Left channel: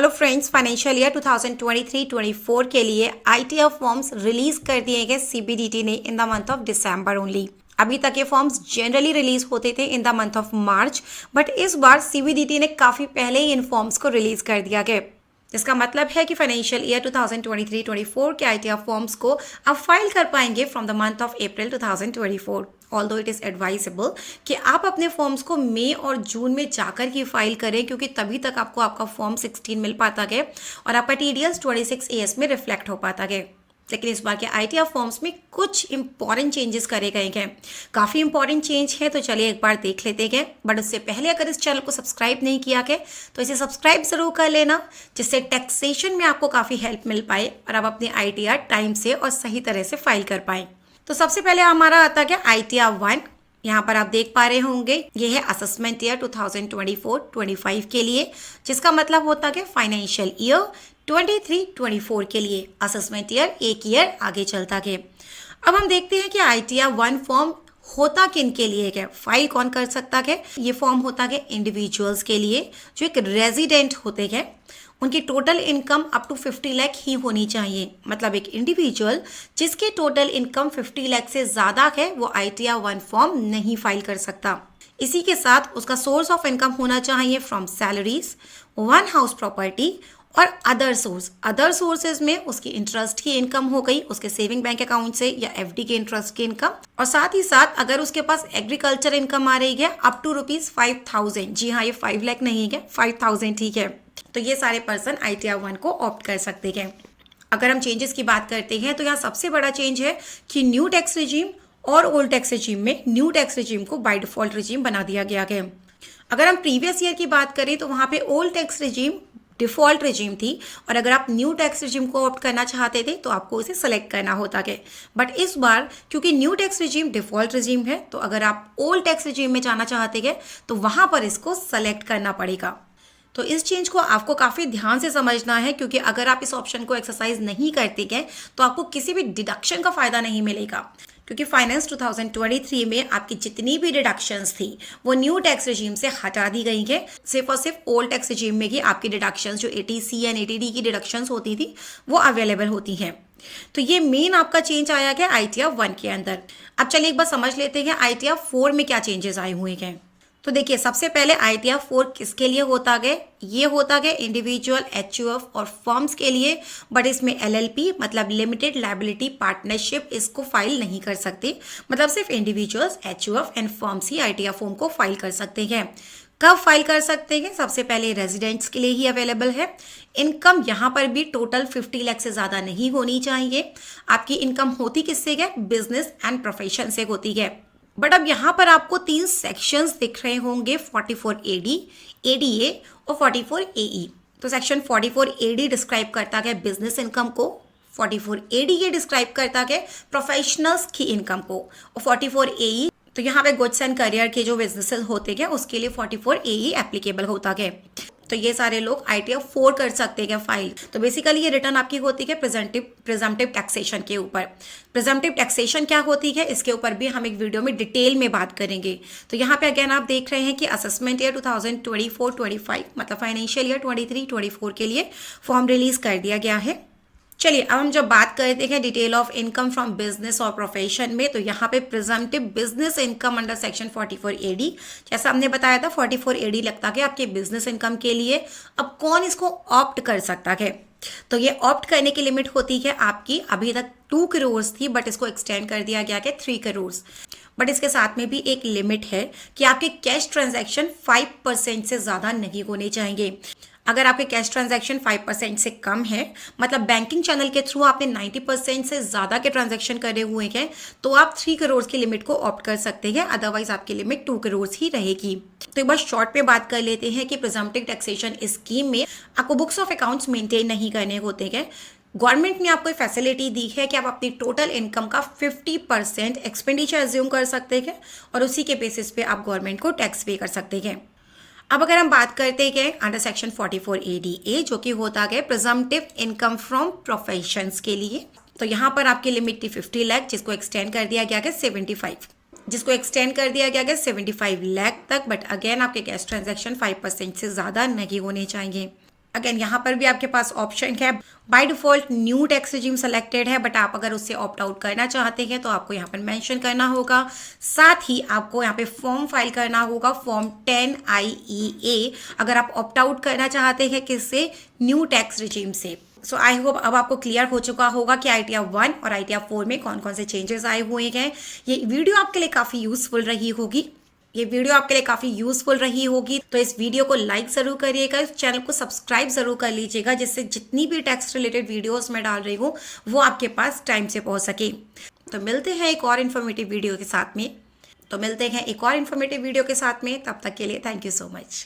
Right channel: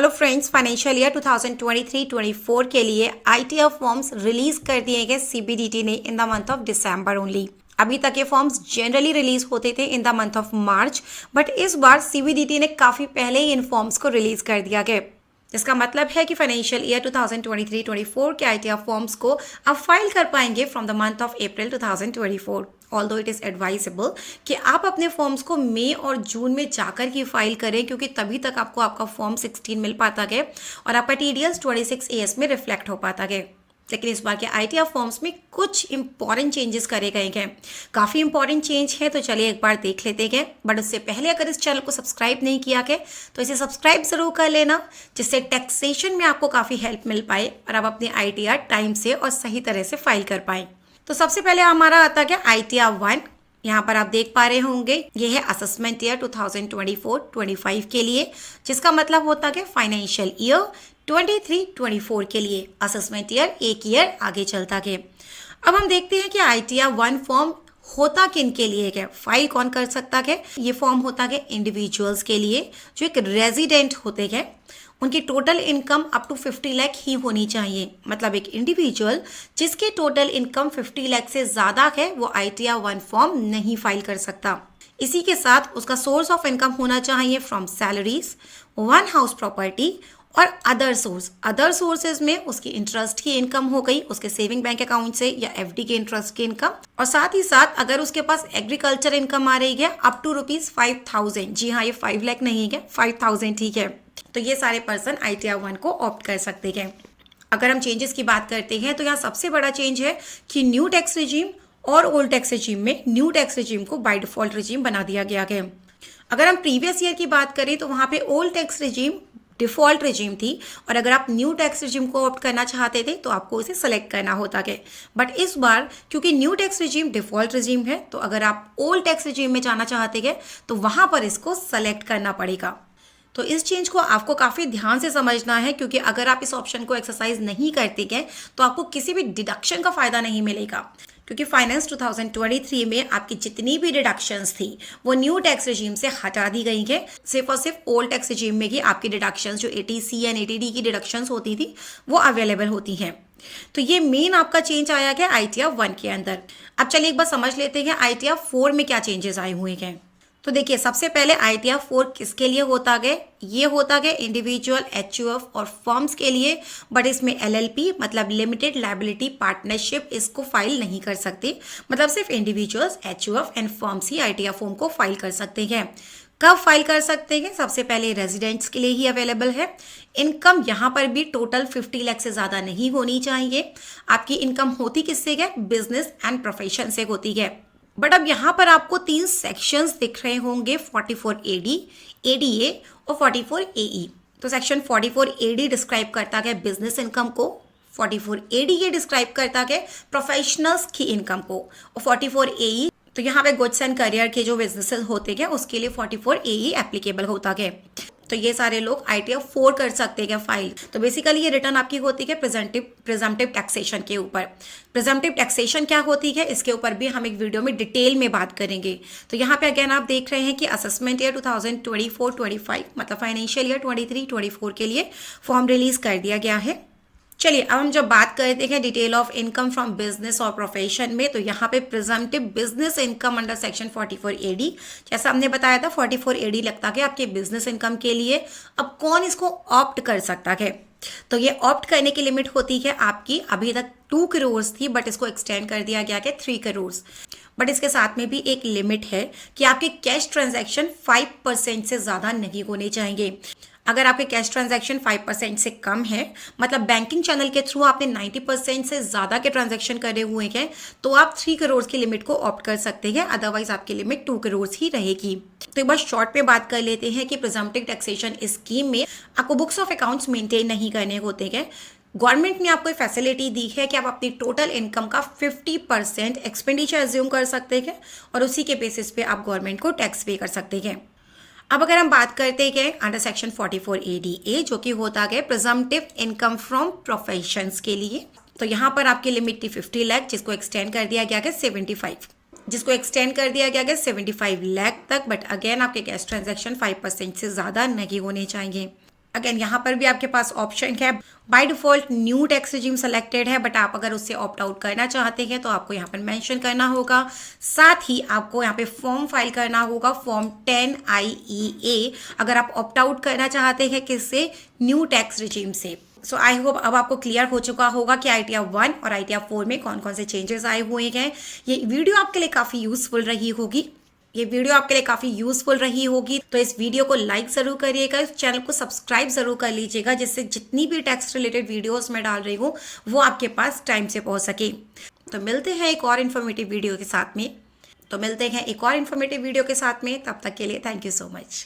Hello friends, financial year 2023-24 के लिए ITF forms release कर दिए गए सीबीडीटी ने in the month of December only. अभी तक ये फॉर्म्स जनरली रिलीज होते थे in the month of March, but इस बार सीबीडीटी ने काफी पहले ही इन फॉर्म्स को रिलीज कर दिया गया, जिसका मतलब है कि फाइनेंशियल ईयर 2023-24 के आईटीएफ फॉर्म्स को आप फाइल कर पाएंगे from the month of April 2024। Although it is advisable कि आप अपने फॉर्म्स को मई और जून में जाकर ही फाइल करें, क्योंकि तभी तक आपको आपका फॉर्म 16 मिल पाता है और आपका टीडीएस 26 एएस में रिफ्लेक्ट हो पाता है। लेकिन इस बार के आईटीएफ फॉर्म्स में कुछ इंपॉर्टेंट चेंजेस करे गए हैं। काफी इंपॉर्टेंट चेंज है, तो चलिए एक बार देख लेते हैं। बट उससे पहले अगर इस चैनल को सब्सक्राइब नहीं किया है तो इसे सब्सक्राइब जरूर कर लेना, जिससे टैक्सेशन में आपको काफी हेल्प मिल पाए और आप अपने आईटीआर टाइम से और सही तरह से फाइल कर पाए। तो सबसे पहले हमारा आता है आईटीआर 1। यहाँ पर आप देख पा रहे होंगे ये है असेसमेंट ईयर 2024-25 के लिए, जिसका मतलब होता है फाइनेंशियल ईयर 23-24 के लिए असेसमेंट ईयर एक ईयर आगे चलता है। अब हम देखते हैं कि आईटीआर 1 फॉर्म होता किन के लिए है, फाइल कौन कर सकता है। ये फॉर्म होता है इंडिविजुअल्स के लिए जो एक रेजिडेंट होते हैं। उनकी total income up to 50 lakh ही होनी चाहिए। मतलब एक इंडिविजुअल जिसकी टोटल इनकम 50 लाख से ज्यादा है वो आईटीआर 1 फॉर्म नहीं फाइल कर सकता। इसी के साथ उसका सोर्स ऑफ इनकम होना चाहिए from salaries, one house property और अदर सोर्स। अदर सोर्सेज में उसकी इंटरेस्ट की इनकम हो गई, उसके सेविंग बैंक अकाउंट से या एफडी के इंटरेस्ट की इनकम, और साथ ही साथ अगर उसके पास एग्रीकल्चर इनकम आ रही है अप टू ₹5,000। जी हाँ, ये 5 लाख नहीं है, 5,000 ठीक है। तो ये सारे पर्सन आईटीआर 1 को ऑप्ट कर सकते हैं। अगर हम चेंजेस की बात करते हैं तो यहाँ सबसे बड़ा चेंज है कि न्यू टैक्स रिजीम और ओल्ड टैक्स रिजीम में न्यू टैक्स रिजीम को बाय डिफॉल्ट रिजीम बना दिया गया है। अगर हम प्रीवियस ईयर की बात करें तो वहां पे old tax regime default regime थी, और अगर आप न्यू टैक्स रिजीम को ऑप्ट करना चाहते थे तो आपको उसे सेलेक्ट करना होता है। बट इस बार क्योंकि new tax regime default regime है, तो अगर आप ओल्ड टैक्स रिजीम में जाना चाहते हैं तो वहां पर इसको सेलेक्ट करना पड़ेगा। तो इस चेंज को आपको काफी ध्यान से समझना है, क्योंकि अगर आप इस ऑप्शन को एक्सरसाइज नहीं करते हैं तो आपको किसी भी डिडक्शन का फायदा नहीं मिलेगा, क्योंकि फाइनेंस 2023 में आपकी जितनी भी डिडक्शंस थी वो न्यू टैक्स रिजीम से हटा दी गई है। सिर्फ और सिर्फ ओल्ड टैक्स रिजीम में ही आपकी डिडक्शंस जो एटीसी एंड एटीडी की डिडक्शंस होती थी वो अवेलेबल होती हैं। तो ये मेन आपका चेंज आया है आईटीआर 1 के अंदर। अब चलिए एक बार समझ लेते हैं आईटीआर 4 में क्या चेंजेस आए हुए हैं। तो देखिए, सबसे पहले आईटीआर 4 किसके लिए होता है? ये होता है इंडिविजुअल, एचयूएफ और फर्म्स के लिए, बट इसमें एलएलपी मतलब लिमिटेड लायबिलिटी पार्टनरशिप इसको फाइल नहीं कर सकते। मतलब सिर्फ individuals, HUF and firms he ITR form को फाइल कर सकते हैं। कब फाइल कर सकते हैं? सबसे पहले रेजिडेंट्स के लिए ही अवेलेबल है। इनकम यहाँ पर भी टोटल 50 लाख से ज्यादा नहीं होनी चाहिए। आपकी इनकम होती किससे है? बिजनेस एंड प्रोफेशन से होती है। बट अब यहाँ पर आपको 3 सेक्शंस दिख रहे होंगे, 44 एडी, एडीए और 44 एई। तो सेक्शन 44 एडी डिस्क्राइब करता है बिजनेस इनकम को, 44 एडीए डिस्क्राइब करता है प्रोफेशनल्स की इनकम को, और 44 एई तो यहाँ पे गुड्स एंड करियर के जो बिजनेसेस होते हैं उसके लिए 44 एई एप्लीकेबल होता है। तो ये सारे लोग आईटीआर 4 कर सकते हैं फाइल। तो बेसिकली ये रिटर्न आपकी होती है प्रिजम्पटिव टैक्सेशन के ऊपर। प्रिजम्पटिव टैक्सेशन क्या होती है इसके ऊपर भी हम एक वीडियो में डिटेल में बात करेंगे। तो यहाँ पे अगेन आप देख रहे हैं कि असेसमेंट ईयर 2024-25 मतलब फाइनेंशियल ईयर 23-24 के लिए फॉर्म रिलीज कर दिया गया है। चलिए अब हम जब बात करते हैं detail of income from business और प्रोफेशन में, तो यहाँ पे presumptive business income under section 44 AD, जैसा हमने बताया था 44 एडी लगता है आपके बिजनेस इनकम के लिए। अब कौन इसको ऑप्ट कर सकता है? तो ये ऑप्ट करने की लिमिट होती है आपकी, अभी तक 2 करोड़ थी बट इसको एक्सटेंड कर दिया गया है 3 करोड़। बट इसके साथ में भी एक लिमिट है कि आपके कैश ट्रांजैक्शन 5% से ज्यादा नहीं होने चाहिए। अगर आपके कैश ट्रांजैक्शन 5% से कम है, मतलब बैंकिंग चैनल के थ्रू आपने 90% से ज्यादा के ट्रांजैक्शन करे हुए हैं, तो आप 3 करोड़ की लिमिट को ऑप्ट कर सकते हैं। अदरवाइज आपकी लिमिट 2 करोड़ ही रहेगी। तो एक बार शॉर्ट में बात कर लेते हैं कि प्रिजम्पटिव टैक्सेशन स्कीम में आपको बुक्स ऑफ अकाउंट्स मेंटेन नहीं करने होते हैं। गवर्नमेंट ने आपको फैसिलिटी दी है कि आप अपनी टोटल इनकम का 50% एक्सपेंडिचर एज्यूम कर सकते हैं और उसी के बेसिस पे आप गवर्नमेंट को टैक्स पे कर सकते हैं। अब अगर हम बात करते हैं अंडर सेक्शन 44 एडीए, जो कि होता है प्रिजम्पटिव इनकम फ्रॉम प्रोफेशंस के लिए, तो यहाँ पर आपकी लिमिट थी 50 लाख, जिसको एक्सटेंड कर दिया गया है 75 लाख तक। बट अगेन आपके कैश ट्रांजैक्शन 5% से ज्यादा नहीं होने चाहिए। अगेन यहाँ पर भी आपके पास ऑप्शन है, by default new tax regime selected है, बट आप अगर उससे ऑप्ट आउट करना चाहते हैं तो आपको यहाँ पर मेंशन करना होगा। साथ ही आपको यहाँ पे फॉर्म फाइल करना होगा, फॉर्म 10IEA, अगर आप ऑप्ट आउट करना चाहते हैं किससे, न्यू टैक्स रिजीम से। सो आई होप अब आपको क्लियर हो चुका होगा कि ITR 1 और ITR 4 में कौन कौन से चेंजेस आए हुए हैं। ये वीडियो आपके लिए काफ़ी यूजफुल रही होगी, तो इस वीडियो को लाइक जरूर करिएगा, इस चैनल को सब्सक्राइब जरूर कर लीजिएगा, जिससे जितनी भी टैक्स रिलेटेड वीडियोस मैं डाल रही हूँ वो आपके पास टाइम से पहुंच सके। तो मिलते हैं एक और इन्फॉर्मेटिव वीडियो के साथ में, तब तक के लिए थैंक यू सो मच।